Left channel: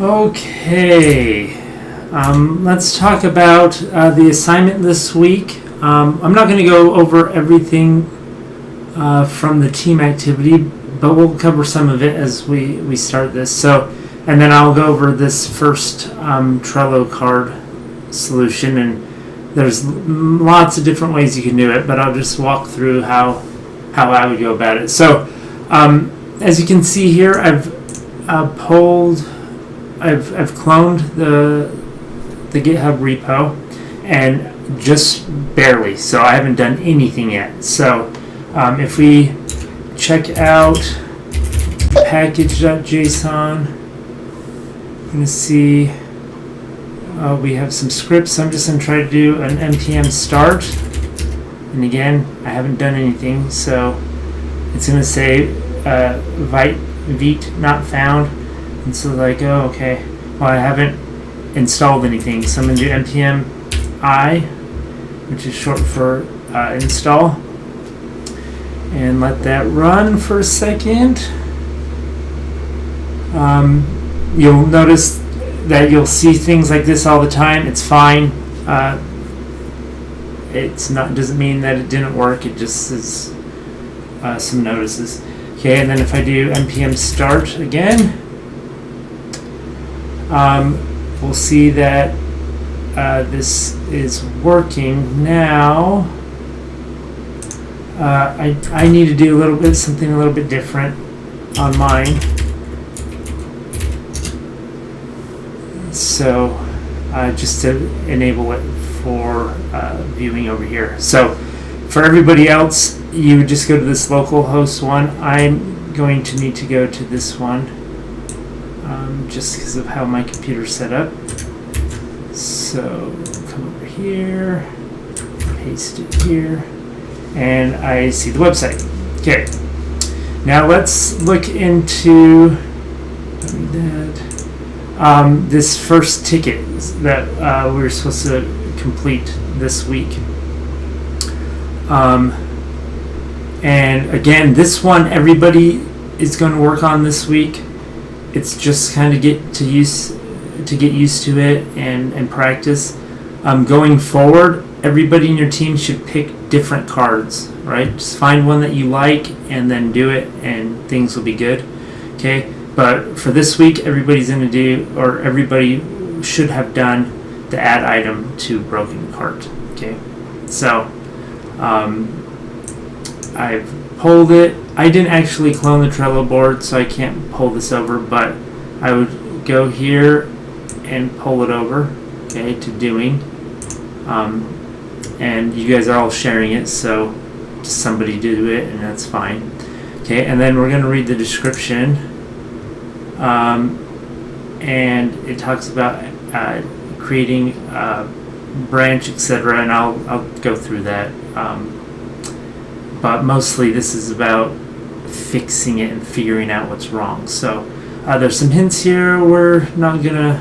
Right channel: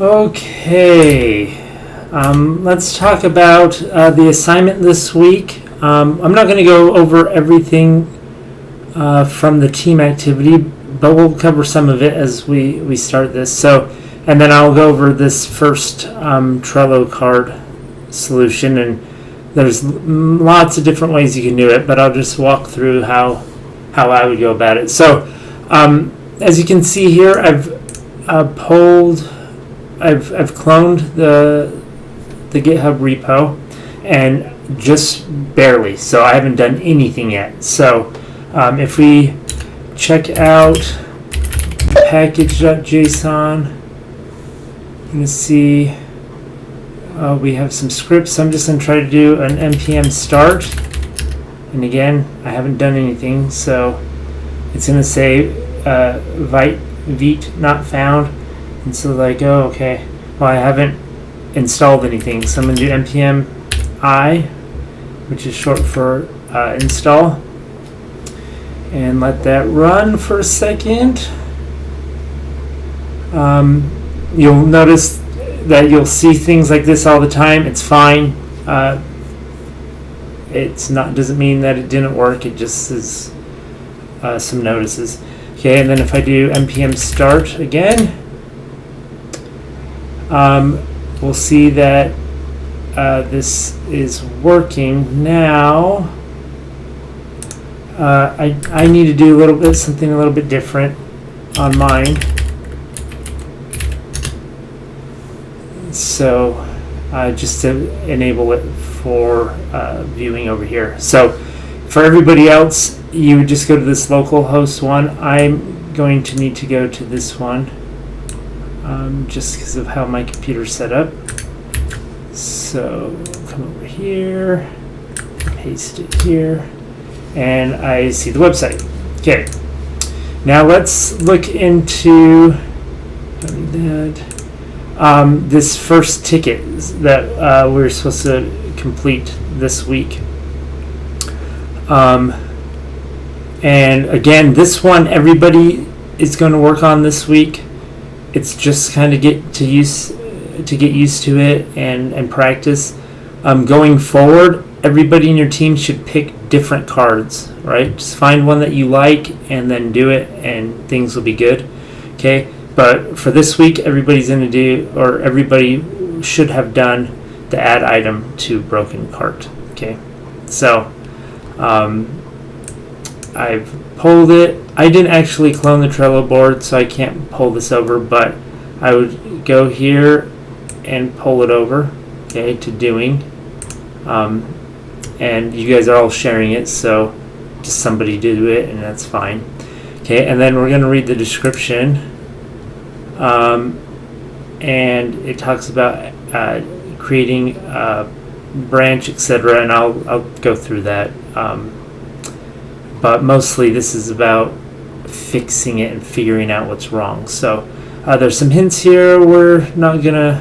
Okay, let's talk about the assignment this week. I'm not going to go over everything from the team activity, but we'll cover some of it as we start this. And then I'll go over this first Trello card solution, and there's lots of different ways you can do it, but I'll just walk through how I would go about it. So, as you can see here, I've cloned the GitHub repo, and just barely. So I haven't done anything yet. So if we check out package.json, you're going to see we have some scripts. So I'm just going to try to do an npm start. And again, I haven't done anything. So it's going to say Vite not found. And so like, oh, okay, well, I haven't installed anything. So I'm going to do npm I, which is short for install. And let that run for a second. You'll notice that you'll see things like this all the time. It's fine. Doesn't mean that it didn't work. It just is some notices. Okay, and then if I do npm start again, we'll see that this is working now. I need to do something a little bit different on mine. So just to enable it for viewing over here. So for everybody else, you would just go to this localhost one. I'm going to need to go to this one just because of how my computer's set up. So come over here, paste it here, and I see the website. Okay, now let's look into this first ticket that we're supposed to complete this week. And again, this one everybody is going to work on this week. It's just kind of get used to it and practice. Going forward, everybody in your team should pick different cards, right? Just find one that you like and then do it, and things will be good. Okay, but for this week, everybody should have done the add item to broken cart. Okay, so I've pulled it. I didn't actually clone the Trello board, so I can't pull this over, but I would go here and pull it over, okay, to doing. And you guys are all sharing it, so just somebody do it, and that's fine. Okay, and then we're going to read the description. And it talks about creating a branch, etc., and I'll go through that. But mostly this is about fixing it and figuring out what's wrong. So there's some hints here we're not gonna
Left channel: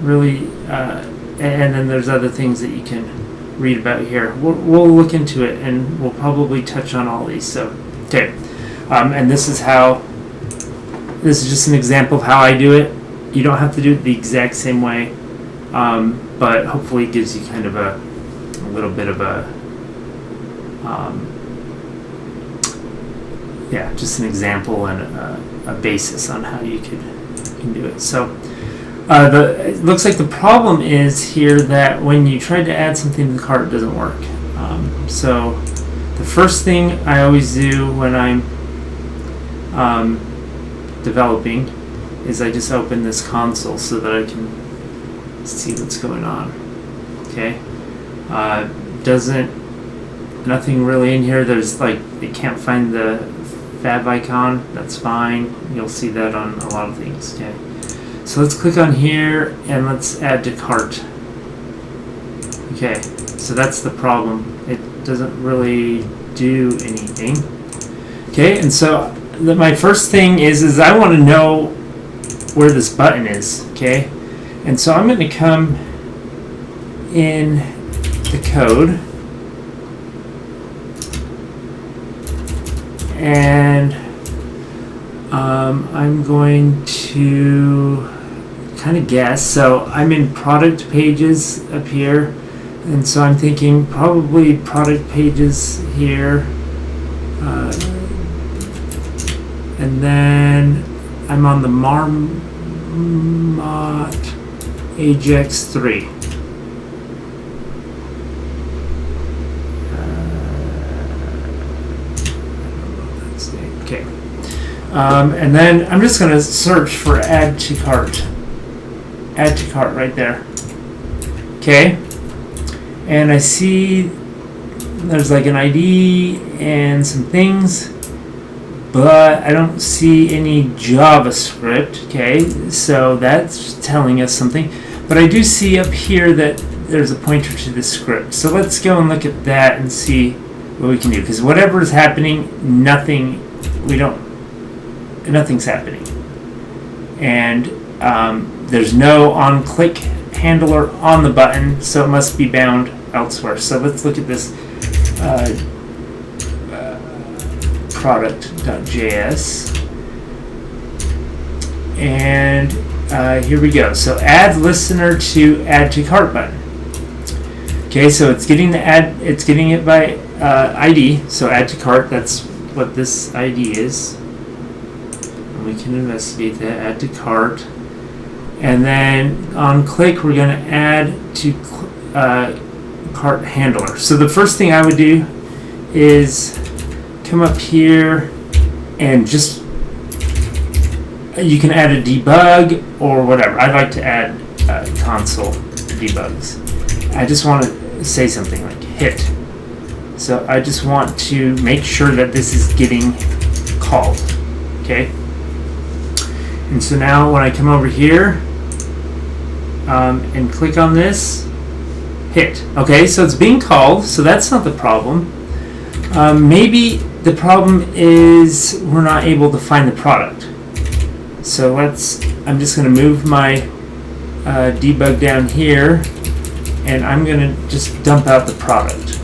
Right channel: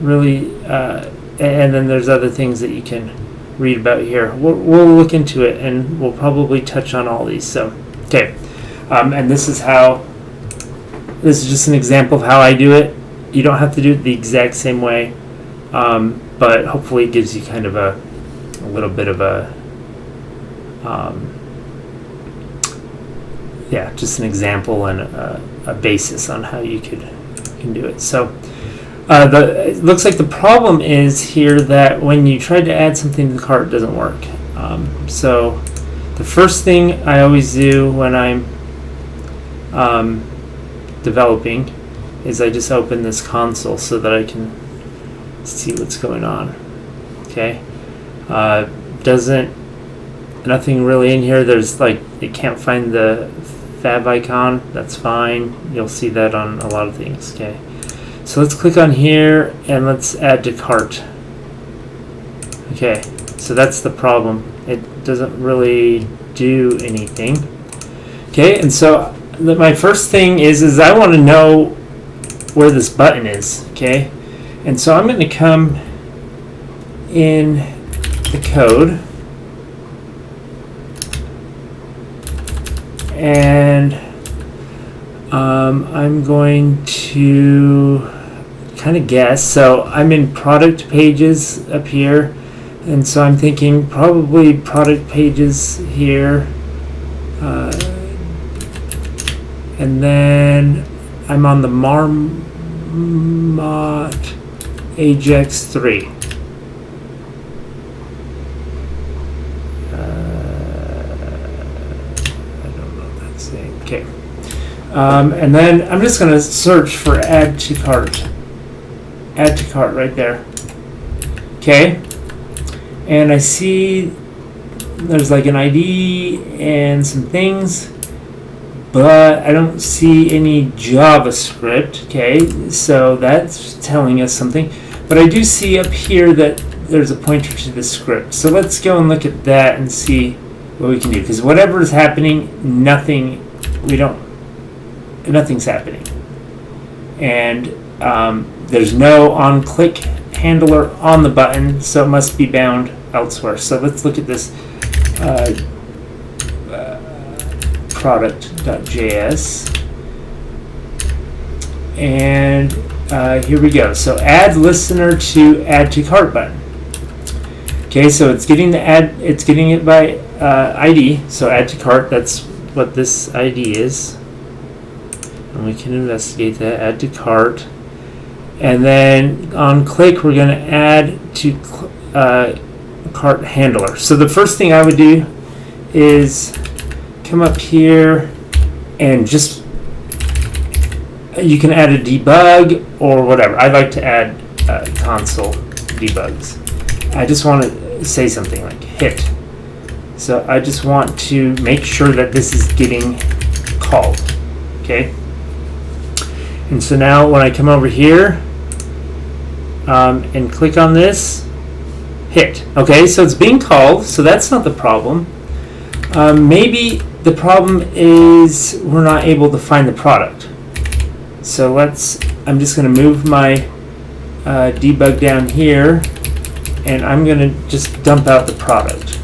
really, and then there's other things that you can read about here. We'll look into it, and we'll probably touch on all these. So okay, and this is just an example of how I do it. You don't have to do it the exact same way, but hopefully it gives you kind of a little bit of a just an example and a basis on how you can do it. So it looks like the problem is here that when you try to add something to the cart, it doesn't work. So the first thing I always do when I'm developing is I just open this console so that I can see what's going on. Okay, nothing really in here. There's it can't find the fab icon. That's fine. You'll see that on a lot of things. Okay, so let's click on here and let's add to cart. Okay, so that's the problem. It doesn't really do anything. Okay, and so my first thing is I want to know where this button is. Okay, and so I'm going to come in the code and I'm going to kind of guess. So I'm in product pages up here, and so I'm thinking probably product pages here, and then I'm on the Marmot Ajax 3. Okay. And then I'm just going to search for add to cart. Add to cart right there. Okay. And I see there's like an ID and some things, but I don't see any JavaScript. Okay. So that's telling us something. But I do see up here that there's a pointer to the script. So let's go and look at that and see what we can do. Because whatever is happening, nothing's happening. And there's no on-click handler on the button, so it must be bound elsewhere. So let's look at this product.js. And here we go. So add listener to add to cart button. Okay, so it's getting it by ID. So add to cart, that's what this ID is. And we can investigate that, add to cart. And then on click, we're going to add to cart handler. So the first thing I would do is come up here and just, you can add a debug or whatever. I like to add console debugs. I just want to say something like hit. So I just want to make sure that this is getting called. Okay. And so now when I come over here and click on this, hit. Okay, so it's being called, so that's not the problem. Maybe the problem is we're not able to find the product. So I'm just going to move my debug down here, and I'm going to just dump out the product.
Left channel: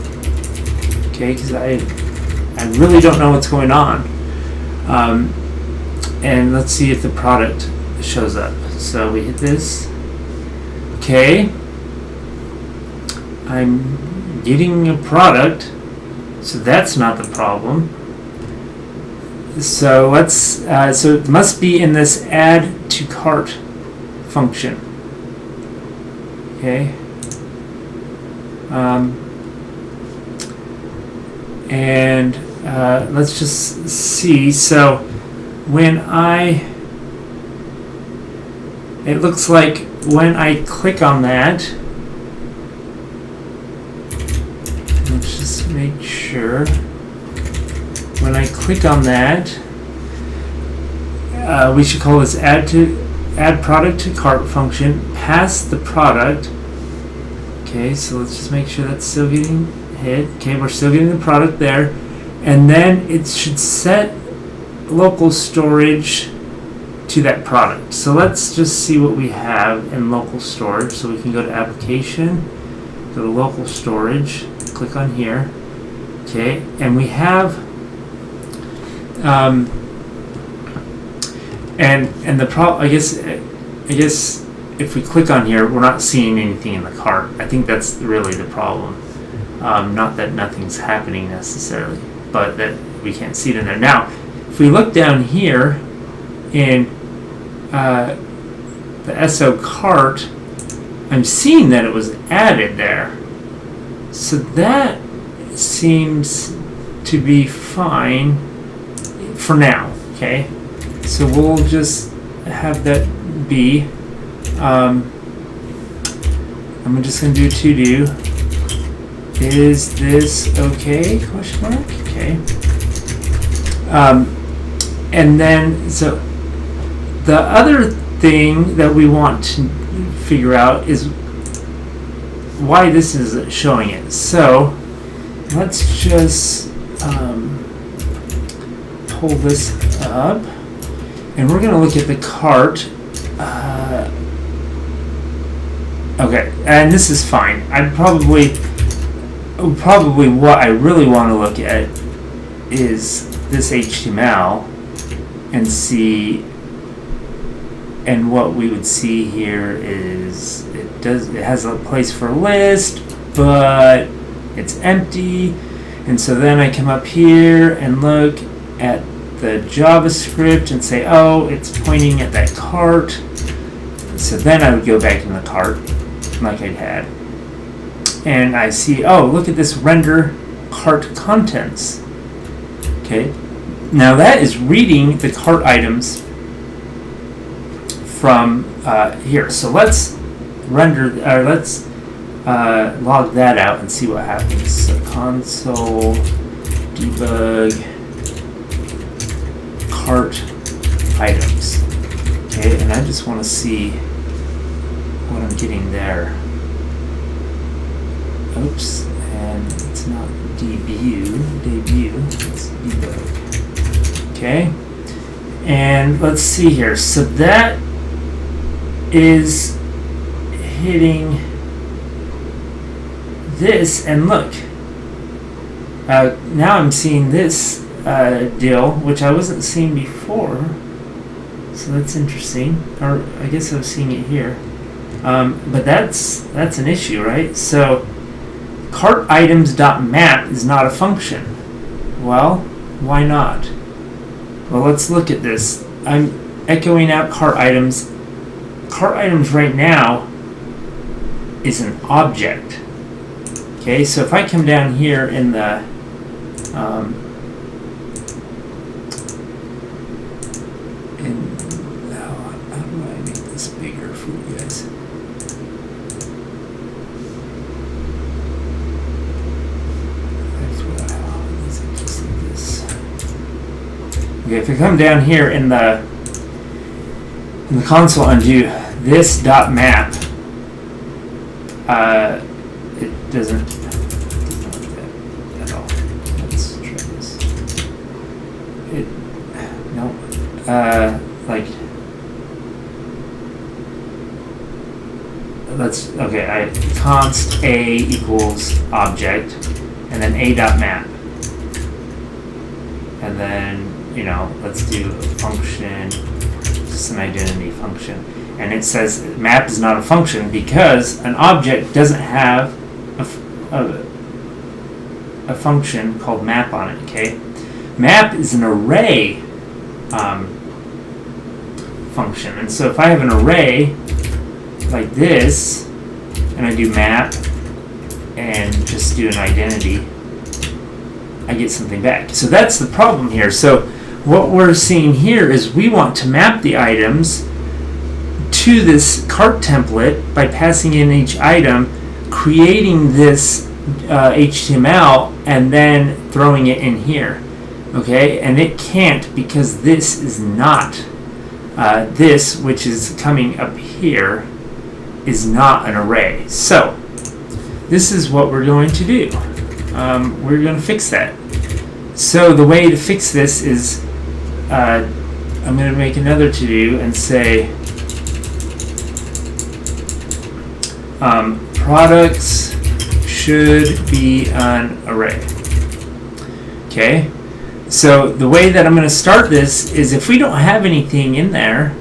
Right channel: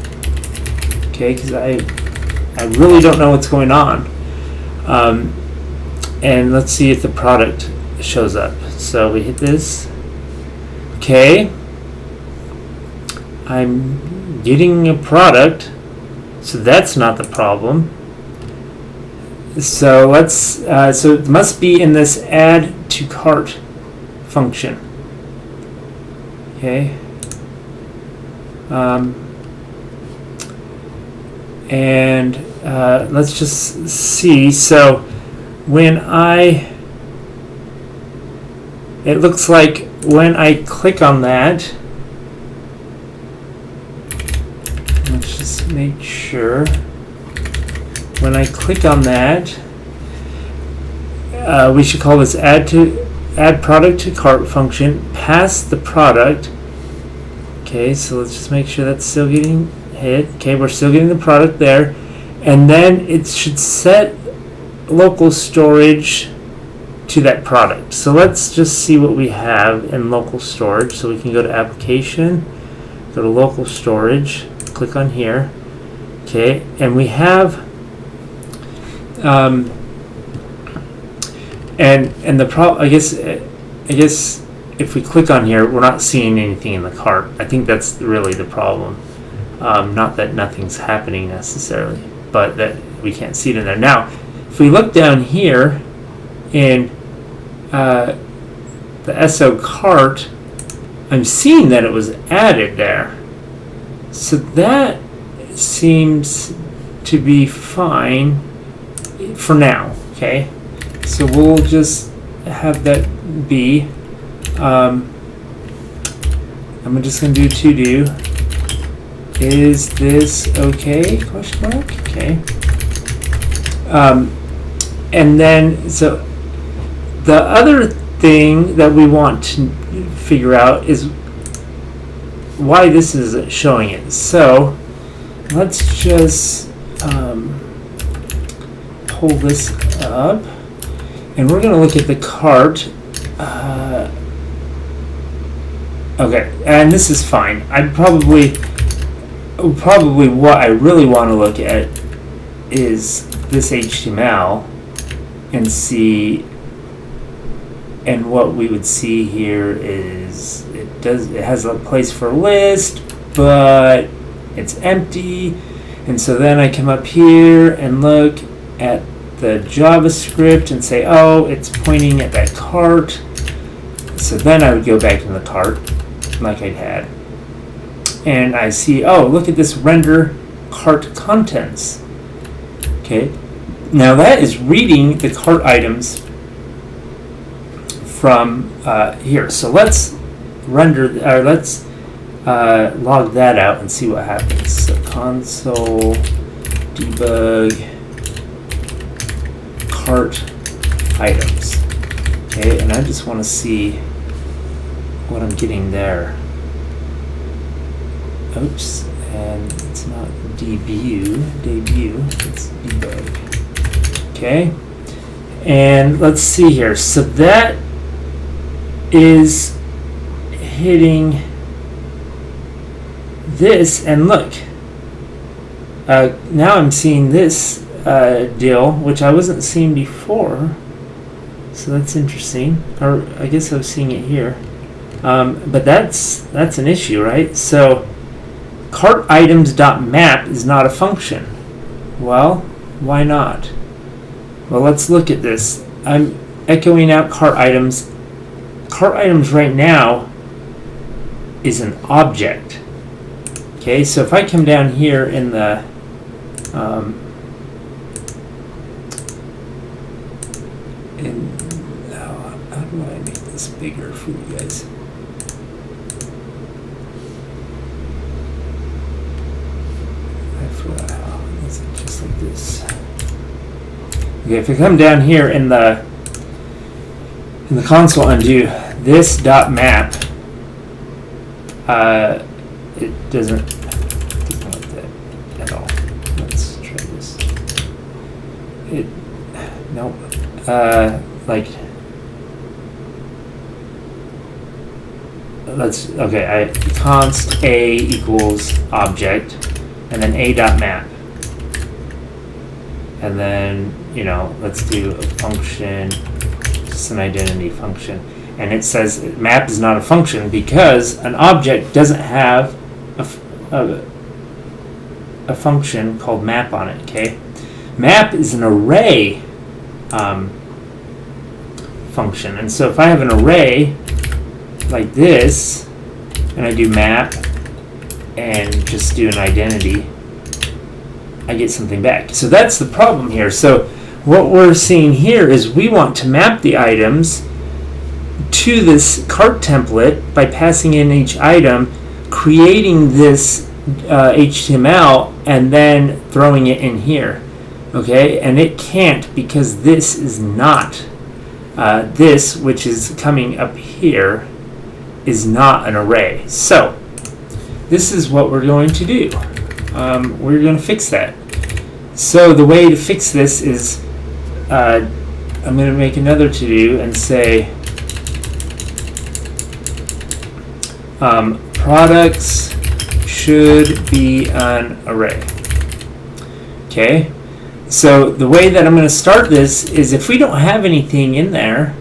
Okay, because I really don't know what's going on. And let's see if the product shows up. So we hit this. Okay. I'm getting a product, so that's not the problem. So so it must be in this add to cart function. Okay. And let's just see. So it looks like when I click on that, let's just make sure. When I click on that, we should call this add product to cart function. Pass the product. Okay, so let's just make sure that's still getting hit. Okay, we're still getting the product there, and then it should set local storage to that product. So let's just see what we have in local storage. So we can go to application, go to local storage, click on here. Okay, and we have and the problem, I guess if we click on here, we're not seeing anything in the cart. I think that's really the problem. Not that nothing's happening necessarily, but that we can't see it in there. Now, if we look down here in the SO cart, I'm seeing that it was added there. So that seems to be fine for now. Okay, so we'll just have that be. I'm just going to do to do. Is this okay? Question mark. Okay. And then so the other thing that we want to figure out is why this is showing it. So let's just pull this up, and we're going to look at the cart. Okay, and this is fine. Probably what I really want to look at is this HTML and see And what we would see here is it has a place for a list, but it's empty. And so then I come up here and look at the JavaScript and say, oh, it's pointing at that cart. So then I would go back in the cart like I'd had. And I see, oh, look at this render cart contents. Okay. Now that is reading the cart items from here. So let's let's log that out and see what happens. So console debug cart items. Okay, and I just want to see what I'm getting there. Oops, and it's not debut, it's debug. Okay, and let's see here. So that is hitting this, and look, now I'm seeing this deal, which I wasn't seeing before. So that's interesting. Or I guess I was seeing it here, but that's an issue, right? So cart items.map is not a function. Well, why not? Well, let's look at this. I'm echoing out cart items. Cart items right now is an object. Okay, so if I come down here in the how do I make this bigger for you guys? Is it just like this? Okay, if I come down here in the console and do this dot map, it doesn't like that at all. Let's try this. Const a equals object, and then a dot map, and then let's do a function, just an identity function, and it says map is not a function because an object doesn't have a function called map on it. Okay, map is an array function, and so if I have an array like this and I do map and just do an identity, I get something back. So that's the problem here. So what we're seeing here is we want to map the items to this cart template by passing in each item, creating this HTML, and then throwing it in here. Okay, and it can't because this is not this, which is coming up here, is not an array. So this is what we're going to do. We're going to fix that. So the way to fix this is I'm going to make another to-do and say products should be an array. Okay, so the way that I'm going to start this is if we don't have anything in there,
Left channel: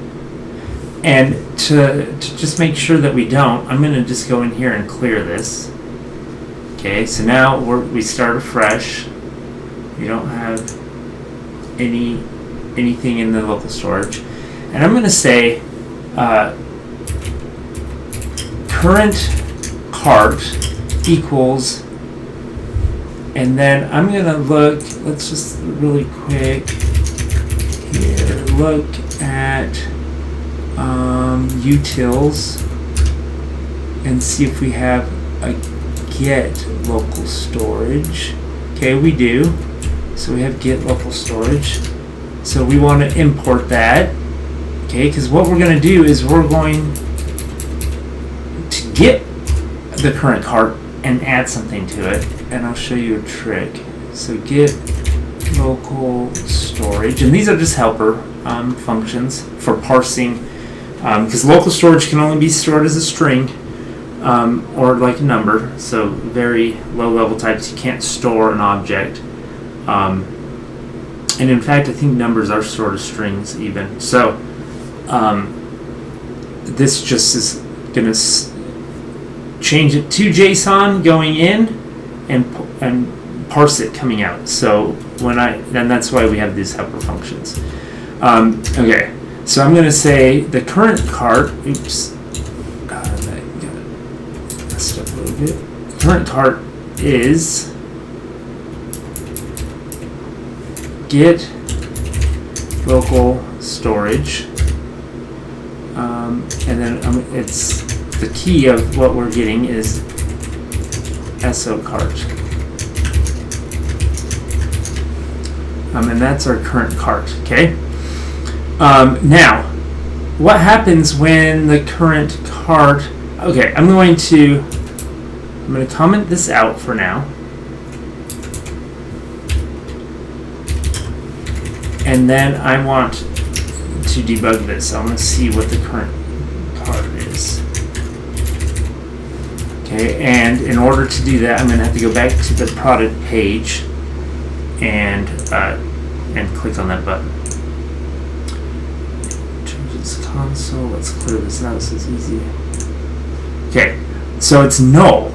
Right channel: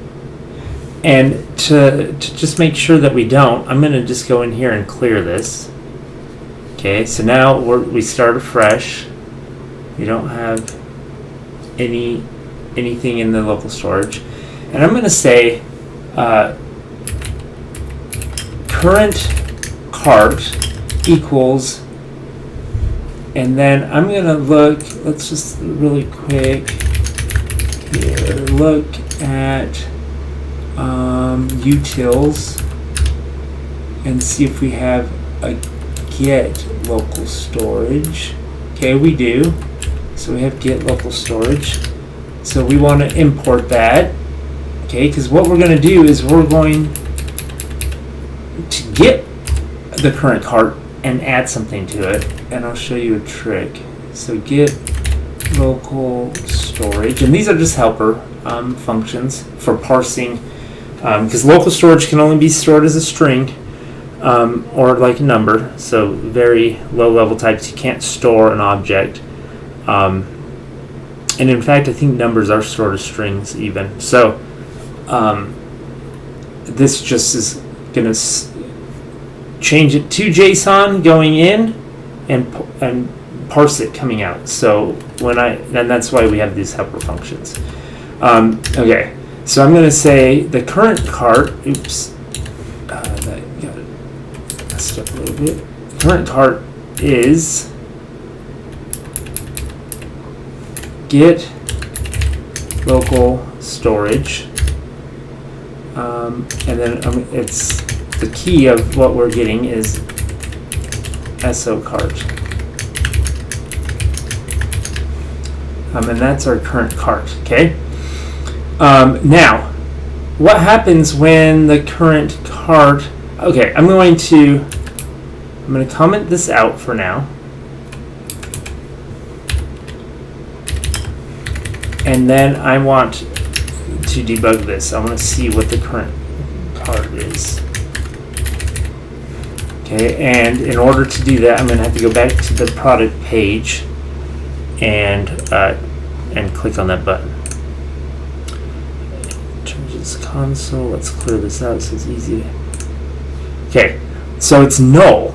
and to just make sure that we don't, I'm going to just go in here and clear this. Okay, so now we start afresh. We don't have anything in the local storage, and I'm going to say current cart equals, and then I'm going to look, let's just really quick here, look at utils and see if we have a get local storage. Okay, we do. So we have get local storage. So we want to import that. Okay, because what we're going to do is we're going to get the current cart and add something to it. And I'll show you a trick. So get local storage. And these are just helper functions for parsing. Because local storage can only be stored as a string or like a number. So very low level types. You can't store an object. And in fact, I think numbers are stored as strings even. So this just is going to change it to JSON going in and parse it coming out. So then that's why we have these helper functions. Okay, so I'm going to say the current cart. Oops, that got messed up a little bit. Current cart is get local storage, and then it's the key of what we're getting is SO cart, and that's our current cart. Okay. Now, what happens when the current cart? Okay, I'm going to comment this out for now. And then I want to debug this. I want to see what the current cart is. Okay, and in order to do that, I'm going to have to go back to the product page and click on that button. Changes console. Let's clear this out so it's easy. Okay, so it's null.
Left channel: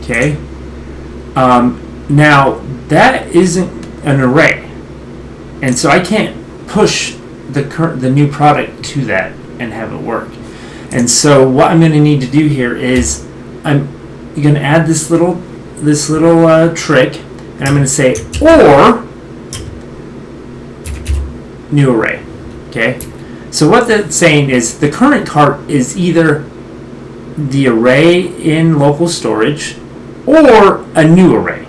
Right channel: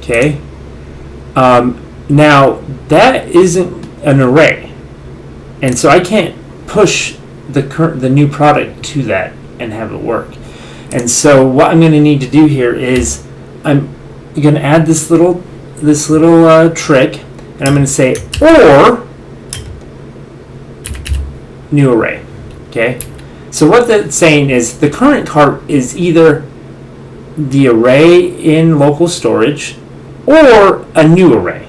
Okay. Now that isn't an array. And so I can't push the new product to that and have it work. And so what I'm going to need to do here is I'm going to add this little trick, and I'm going to say or new array. Okay. So what that's saying is the current cart is either the array in local storage or a new array.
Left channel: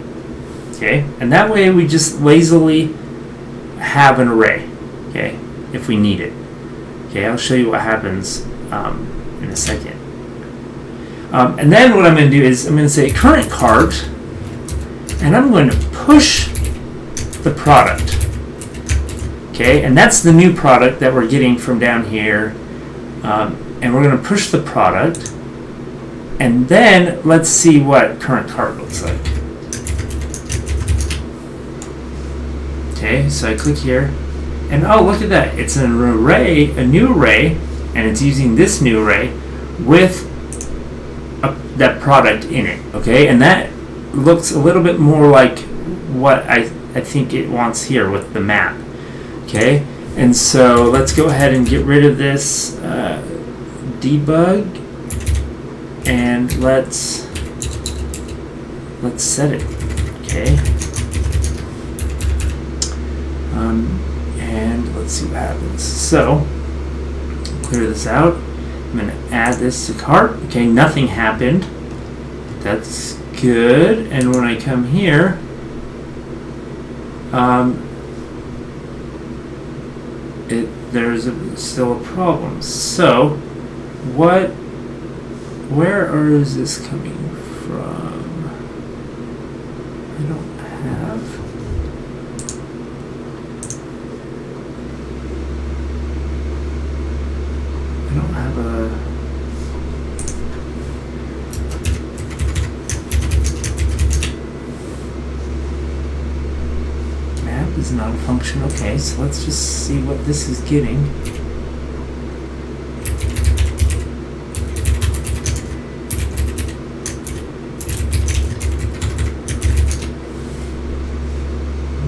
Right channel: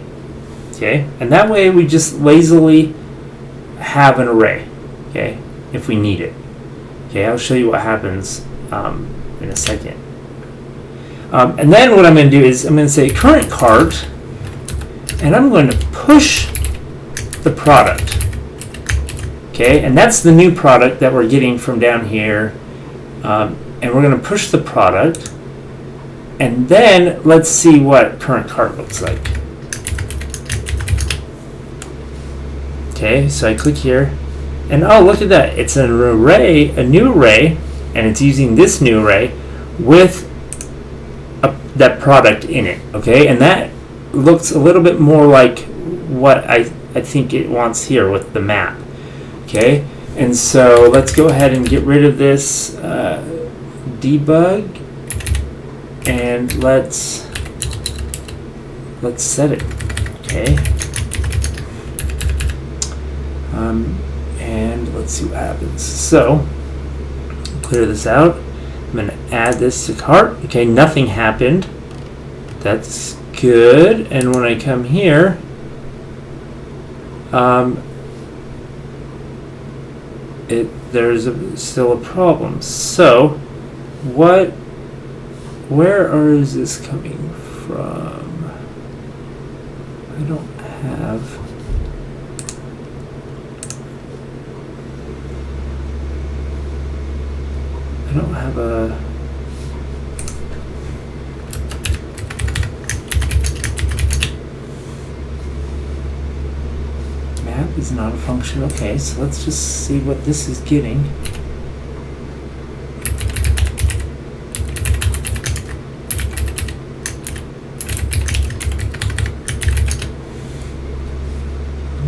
Okay. And that way we just lazily have an array, okay, if we need it. Okay, I'll show you what happens in a second. And then what I'm going to do is I'm going to say current cart, and I'm going to push the product. Okay, and that's the new product that we're getting from down here. And we're going to push the product, and then let's see what current cart looks like. Okay, so I click here, and oh, look at that. It's an array, a new array, and it's using this new array with that product in it. Okay, and that looks a little bit more like what I think it wants here with the map. Okay, and so let's go ahead and get rid of this debug, and let's set it. Okay. And let's see what happens. So, clear this out. I'm going to add this to cart. Okay, nothing happened. That's good. And when I come here, there's still a problem. So, where is this coming from? I don't have. A map is not a function. Okay, so let's just see what this is getting.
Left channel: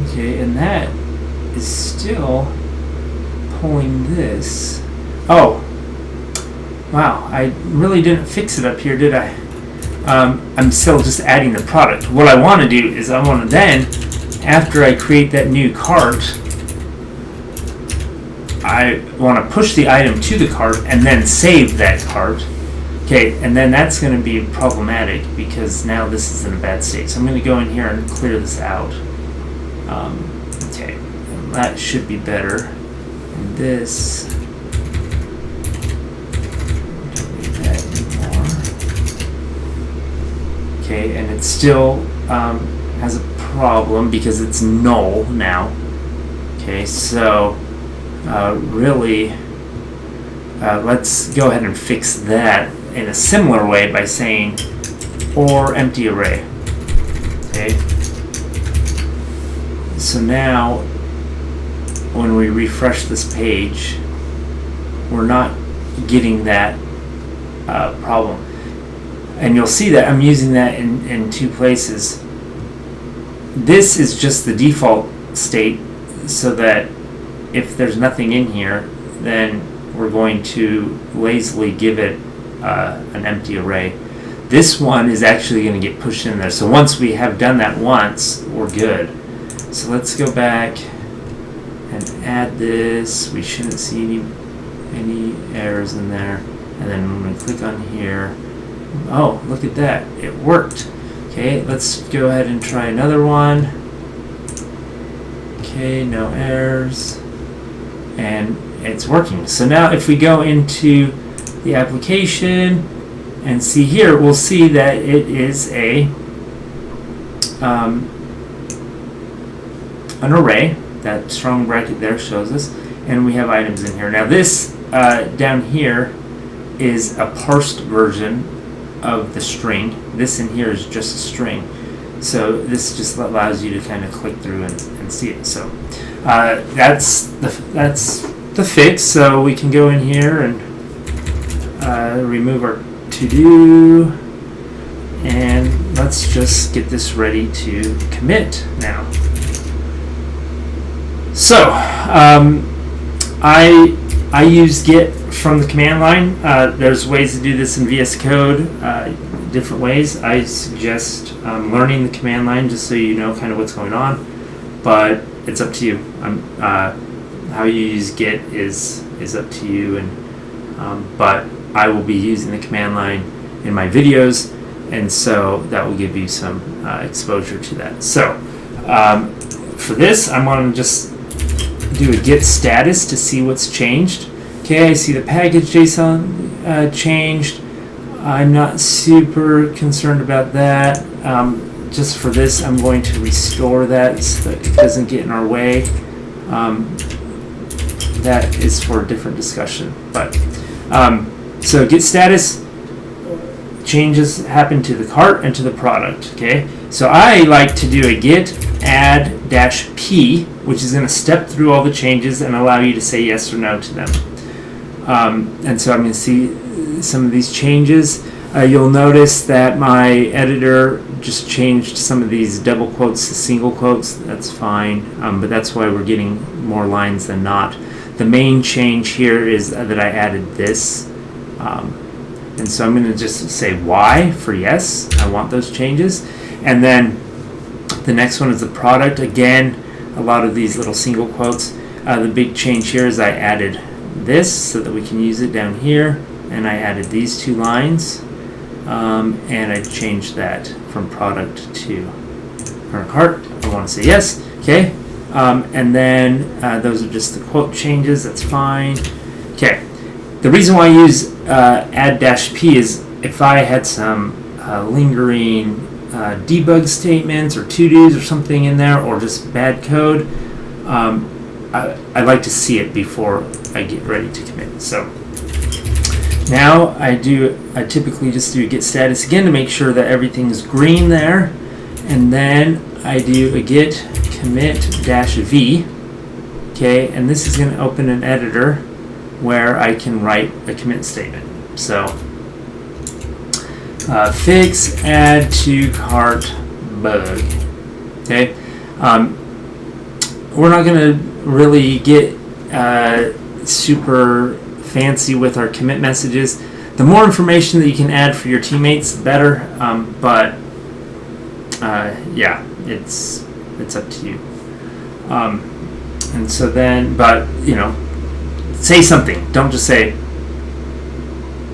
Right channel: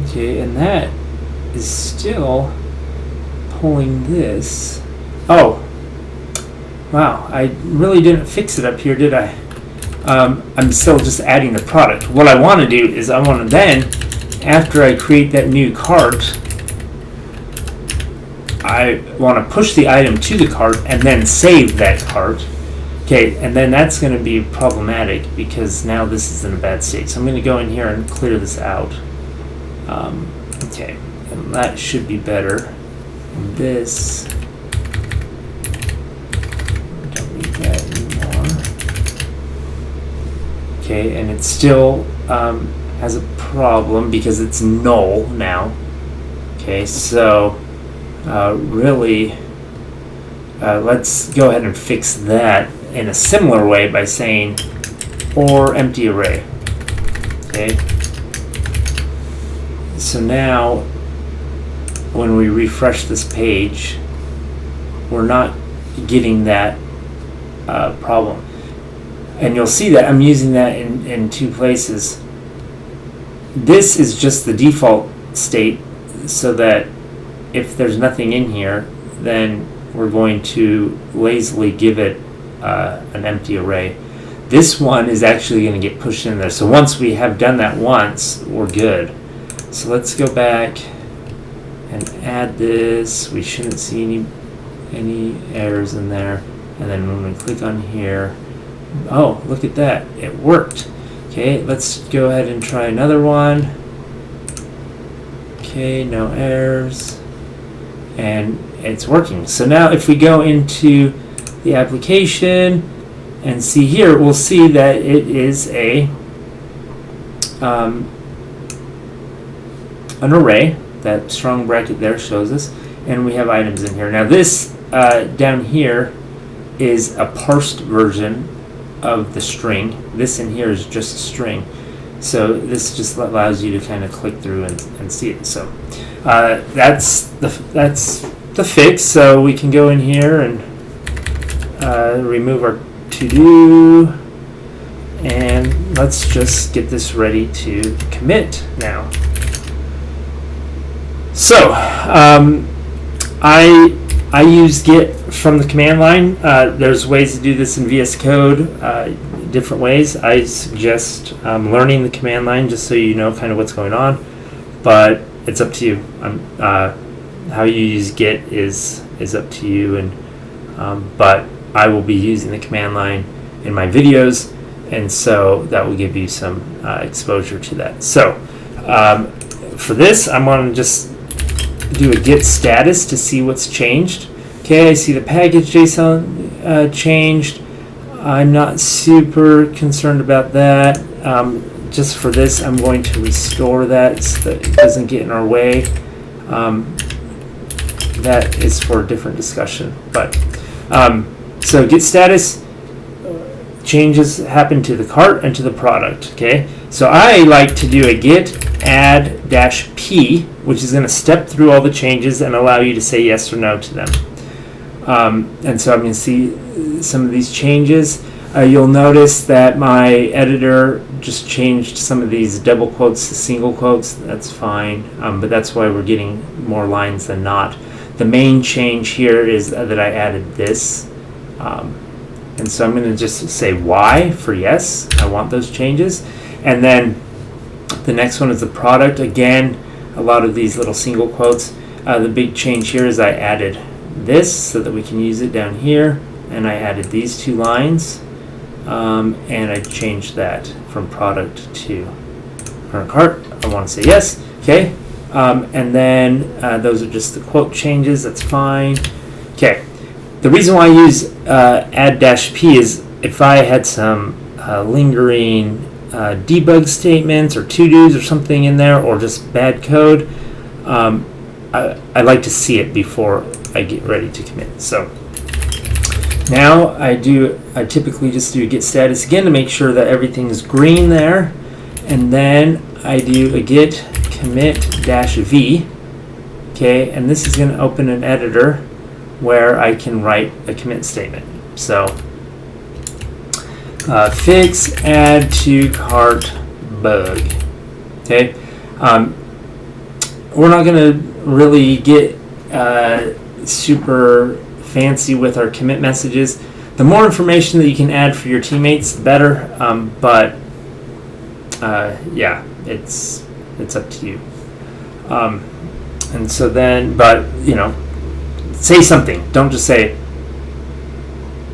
Okay, and that is still pulling this. Oh. Wow, I really didn't fix it up here, did I? I'm still just adding the product. What I want to do is I want to then, after I create that new cart, I want to push the item to the cart and then save that cart. Okay, and then that's going to be problematic because now this is in a bad state. So I'm going to go in here and clear this out. Okay, and that should be better. And this. Okay, and it still has a problem because it's null now. Okay, so really, let's go ahead and fix that in a similar way by saying or empty array. Okay, so now when we refresh this page, we're not getting that problem. And you'll see that I'm using that in two places. This is just the default state, so that if there's nothing in here, then we're going to lazily give it an empty array. This one is actually going to get pushed in there. So once we have done that once, we're good. So let's go back and add this. We shouldn't see any errors in there. And then when we click on here, oh, look at that, it worked. Okay, let's go ahead and try another one. Okay, no errors, and it's working. So now if we go into the application and see here, we'll see that it is an array. That strong bracket there shows us, and we have items in here. Now this down here is a parsed version of the string. This in here is just a string. So this just allows you to kind of click through and see it. So that's the fix. So we can go in here and remove our to-do, and let's just get this ready to commit now. So I use git from the command line. There's ways to do this in VS Code, different ways. I suggest learning the command line just so you know kind of what's going on, but it's up to you. How you use git is up to you, and but I will be using the command line in my videos, and so that will give you some exposure to that. So for this, I'm going to just do a git status to see what's changed. Okay, I see the package JSON changed. I'm not super concerned about that. Just for this, I'm going to restore that so that it doesn't get in our way. That is for a different discussion. But so git status, changes happen to the cart and to the product. Okay, so I like to do a git add -p, which is going to step through all the changes and allow you to say yes or no to them. And so I'm going to see some of these changes. You'll notice that my editor just changed some of these double quotes to single quotes. That's fine, but that's why we're getting more lines than not. The main change here is that I added this. And so I'm going to just say Y for yes. I want those changes. And then the next one is the product. Again, a lot of these little single quotes. The big change here is I added this so that we can use it down here, and I added these two lines, and I changed that from product to current cart. I want to say yes. Okay, and then those are just the quote changes. That's fine. Okay, the reason why I use add -p is if I had some lingering debug statements or to-dos or something in there, or just bad code, I like to see it before I get ready to commit. So now I typically just do a git status again to make sure that everything's green there, and then I do a git commit -v. Okay, and this is going to open an editor where I can write a commit statement. So fix add to cart bug. Okay, we're not going to really get super fancy with our commit messages. The more information that you can add for your teammates, the better. But yeah, it's up to you. And so then, but you know, say something. Don't just say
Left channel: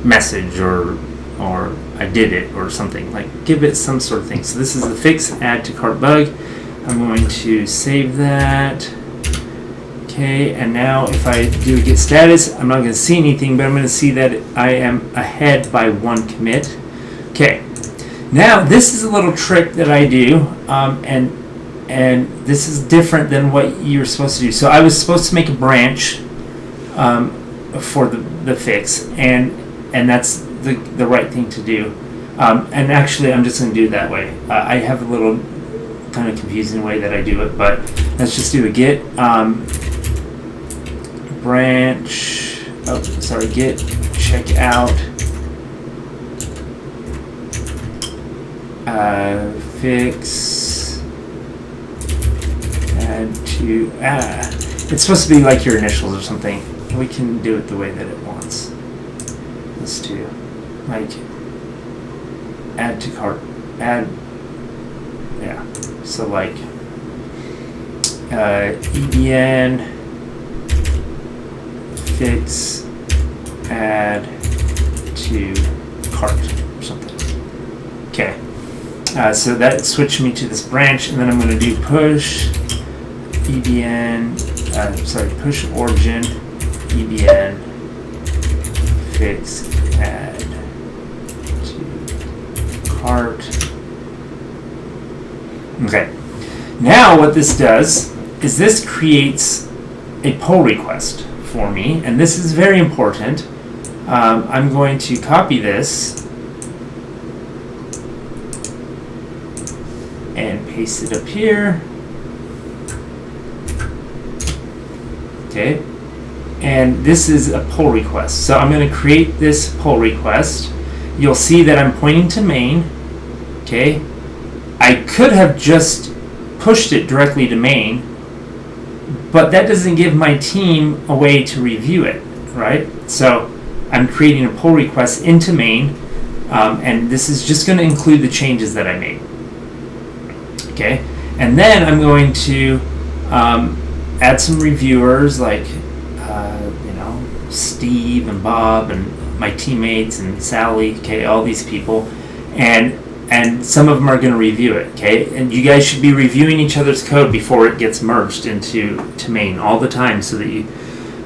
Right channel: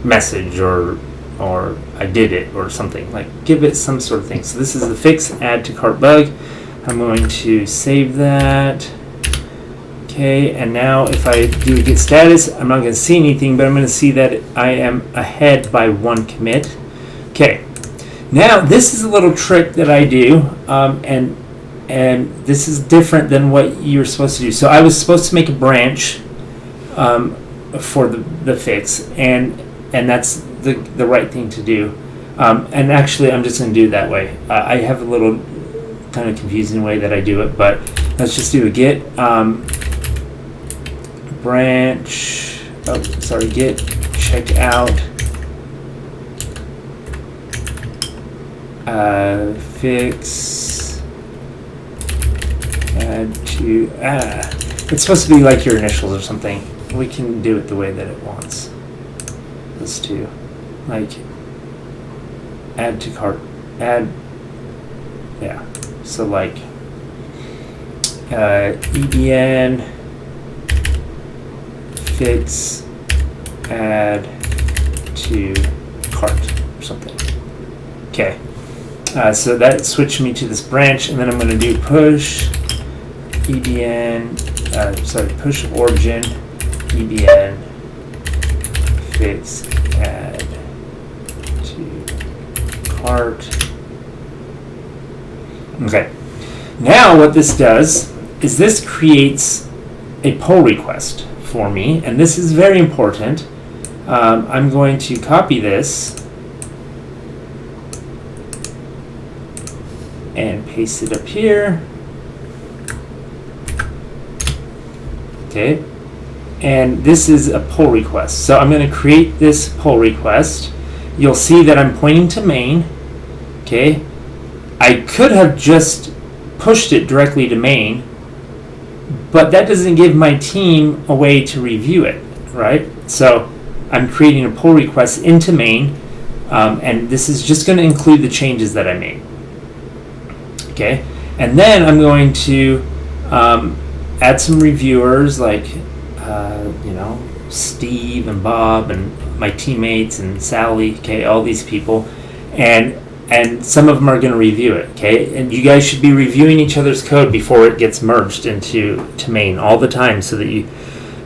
message or I did it or something. Like, give it some sort of thing. So this is the fix add to cart bug. I'm going to save that. Okay, and now if I do git status, I'm not going to see anything, but I'm going to see that I am ahead by one commit. Okay, now this is a little trick that I do, and this is different than what you're supposed to do. So I was supposed to make a branch for the fix, and that's the right thing to do. And actually, I'm just going to do it that way. I have a little kind of confusing way that I do it, but let's just do a git branch. Oh, sorry, git check out fix add to it's supposed to be like your initials or something. We can do it the way that it wants us to, like add to cart, add, yeah, so like EBN fix add to cart or something. Okay, so that switched me to this branch, and then I'm going to do push EBN, push origin EBN fix add to cart. Okay, now what this does is this creates a pull request for me, and this is very important. I'm going to copy this and paste it up here. Okay, and this is a pull request. So I'm going to create this pull request. You'll see that I'm pointing to main. Okay, I could have just pushed it directly to main, but that doesn't give my team a way to review it, right? So I'm creating a pull request into main, and this is just going to include the changes that I made. Okay, and then I'm going to add some reviewers like Steve and Bob and my teammates and Sally, okay, all these people, and some of them are going to review it, okay, and you guys should be reviewing each other's code before it gets merged into main all the time, so that you,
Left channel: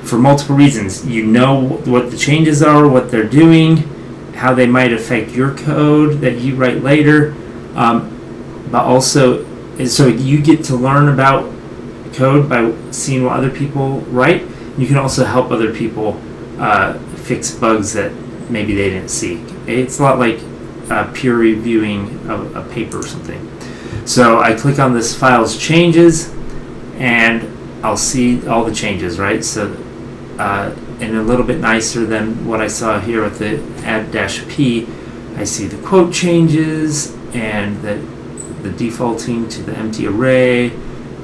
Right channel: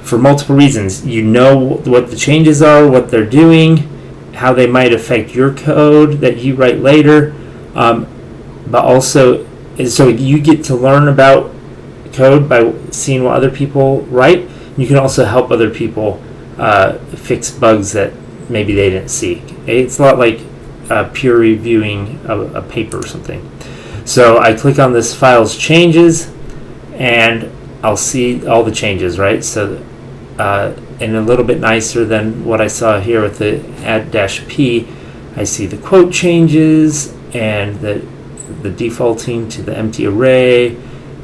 for multiple reasons, you know what the changes are, what they're doing, how they might affect your code that you write later, but also so you get to learn about code by seeing what other people write. You can also help other people fix bugs that maybe they didn't see. Okay? It's a lot like peer reviewing a paper or something. So I click on this file's changes, and I'll see all the changes, right? So and a little bit nicer than what I saw here with the add-p, I see the quote changes and the defaulting to the empty array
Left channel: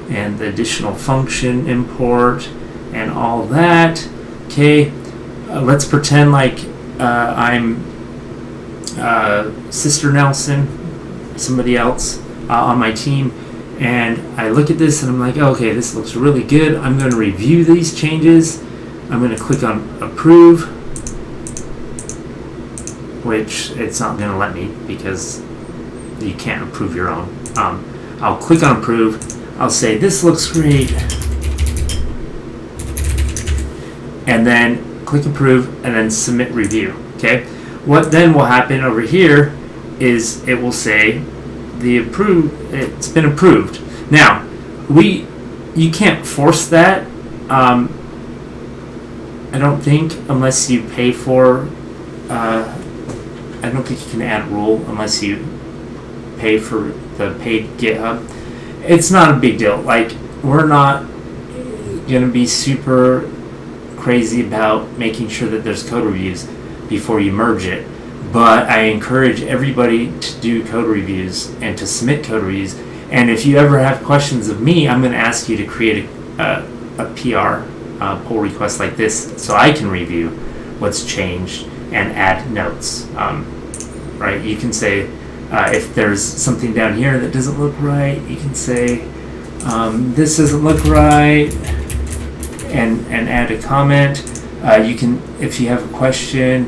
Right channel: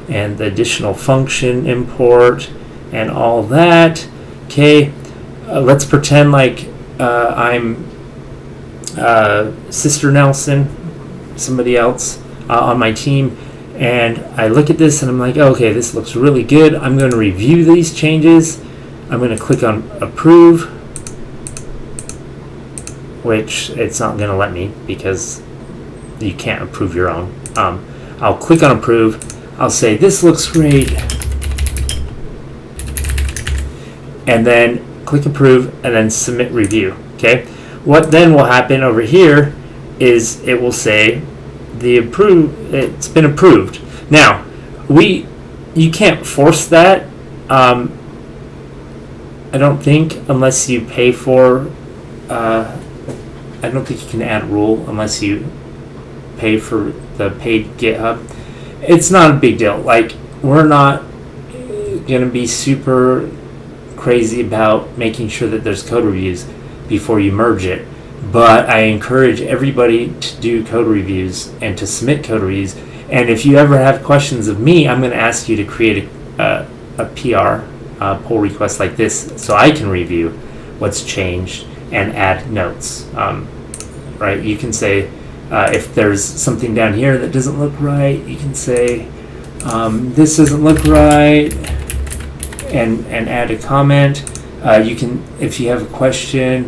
and the additional function import and all that. Okay, let's pretend like I'm Sister Nelson, somebody else on my team, and I look at this and I'm like, okay, this looks really good. I'm going to review these changes. I'm going to click on approve, which it's not going to let me because you can't approve your own. I'll click on approve. I'll say this looks great, and then click approve, and then submit review. Okay, what then will happen over here is it will say it's been approved. Now you can't force that. I don't think, unless you pay for. I don't think you can add rule unless you pay for the paid GitHub. It's not a big deal. Like, we're not going to be super crazy about making sure that there's code reviews before you merge it. But I encourage everybody to do code reviews and to submit code reviews. And if you ever have questions of me, I'm going to ask you to create a PR pull request like this so I can review what's changed and add notes. Right? You can say, if there's something down here that doesn't look right, you can say, this doesn't look right, and add a comment. You can, if you have a question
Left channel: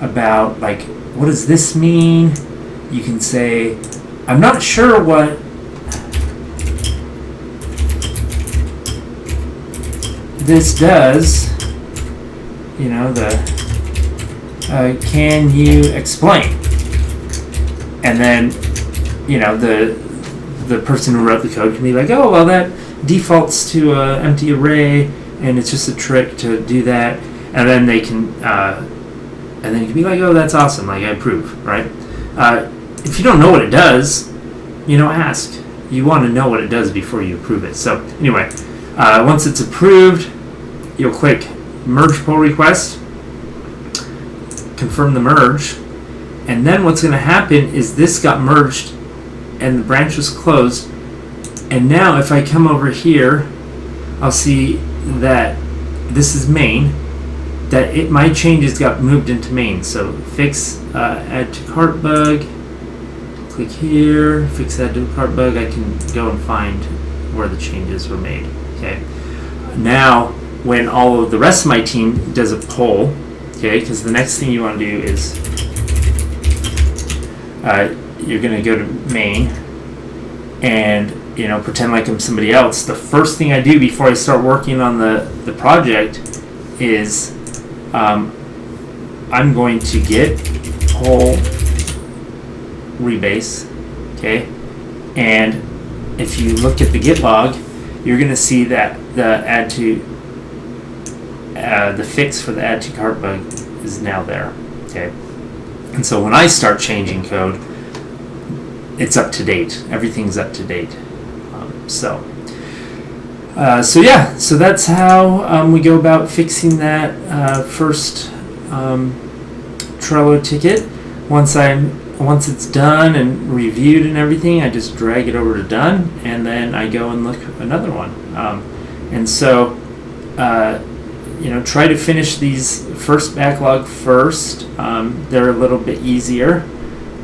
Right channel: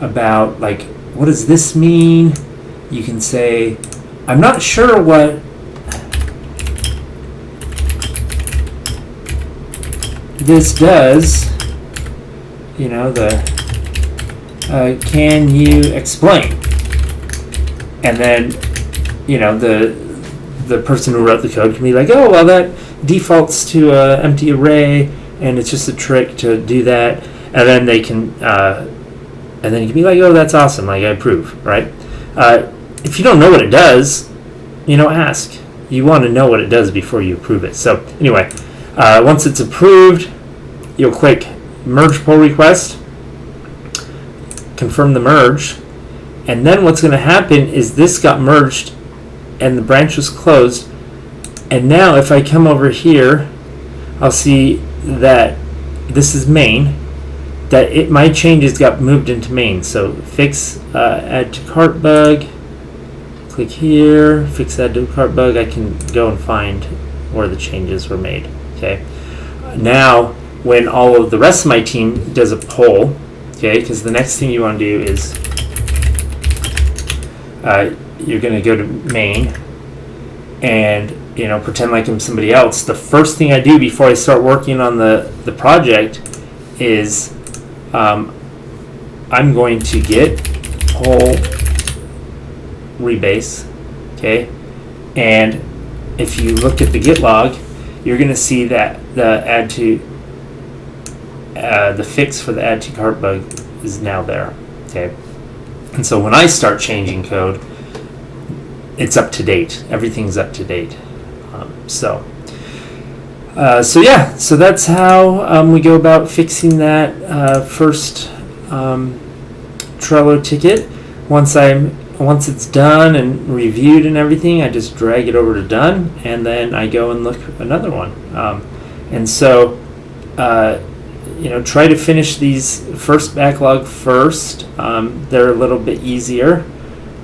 about, like, what does this mean, you can say, I'm not sure what this does, can you explain? And then, the person who wrote the code can be like, oh, well, that defaults to an empty array, and it's just a trick to do that. And then they can, you can be like, oh, that's awesome, like, I approve, right? If you don't know what it does, ask. You want to know what it does before you approve it. So anyway, once it's approved, you'll click merge pull request, confirm the merge, and then what's going to happen is this got merged and the branch was closed, and now if I come over here, I'll see that this is main, that my changes got moved into main. So fix add to cart bug, click here, fix add to cart bug. I can go and find where the changes were made. Okay, now when all of the rest of my team does a poll, okay, because the next thing you want to do is you're going to go to main and pretend like I'm somebody else. The first thing I do before I start working on the project is I'm going to get poll rebase, okay, and if you look at the git log, you're going to see that the fix for the add to cart bug is now there, okay. And so when I start changing code, it's up to date. Everything's up to date. So that's how we go about fixing that first Trello ticket. Once it's done and reviewed and everything, I just drag it over to done, and then I go and look at another one. And so try to finish these first backlog first. They're a little bit easier,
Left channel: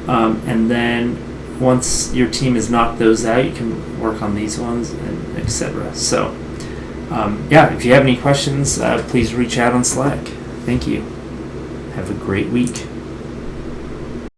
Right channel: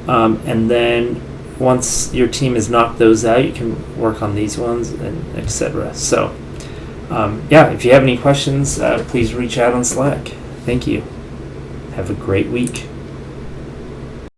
and then once your team has knocked those out, you can work on these ones, and etc. So if you have any questions, please reach out on Slack. Thank you. Have a great week.